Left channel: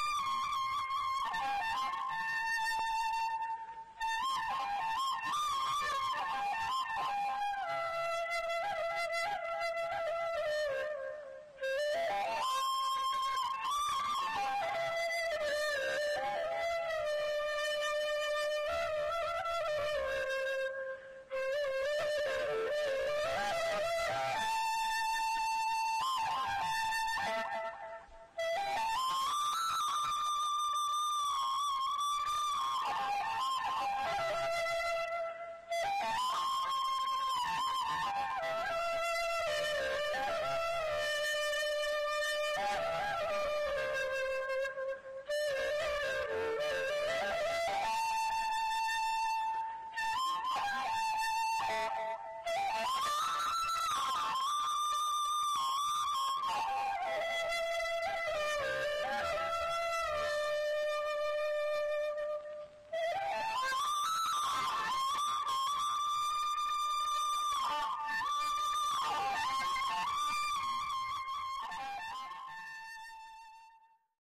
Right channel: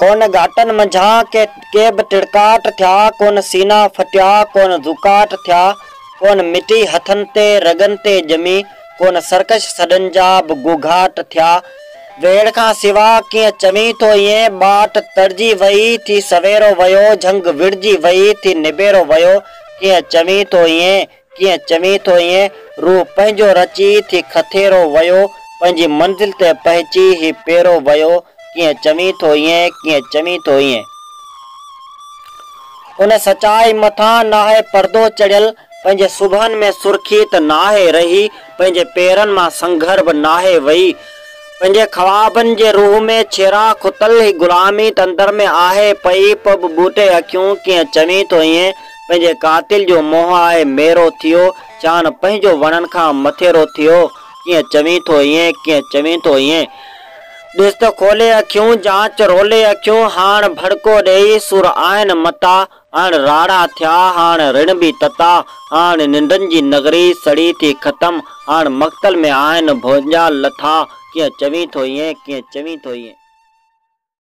कोन घाटन मंझा के बि टिड़काट थिया, कोन सीना फटिया, कोन दुकाट थिया, कोन मिटी हथन ते रगन ते जमी, कोन सरकश सॾन जा बि गुघाट थिया। वेड़ खां सिवा कीअं चमी थो ईअं, बाट तरजी वई थी सवेरो वयो, झंग विड़जी वई थी निबेरो वयो। कीअं चमी थो ईअं, कीअं चमी थो ईअं, रूह पंहिंजो रची थी खथेरो वयो, पंहिंजी मंज़िल ते पहुची ही पेरो वयो। कीअं चमी थो ईअं, कीअं चमी थो ईअं। उन सचाई मथां नाहे पर्दो चढ़ियल, पंहिंजे सुभन में सुर्खी त नाहे रही, पंहिंजे पेरनि मां संघर बि नाहे वई। पंहिंजे ख्वाबनि जे रूह में छेरा खुतल ही गुलामी त अंदर में आहे पई, पोइ बि बूटे अखियूं कीअं चमी थो ईअं। पंहिंजे कातिल जो मोह आहे मेरो थियो, चान पंहिंजो वणनि खां मथेरो थियो। कीअं चमी थो ईअं, कीअं चमी थो ईअं। ॾिस त खोले अखियूं, जांच रोले अखियूं, हाण भड़को ॾेई सुर आहिनि मता, हाण राड़ा थिया, हाण ऋण बि तता, हाण निंडनि जी नगरी सड़ी थी ख़तम, हाण मक़्तल में आहिनि भुंजा लथा। कीअं चमी थो ईअं, कीअं चमी थो ईअं।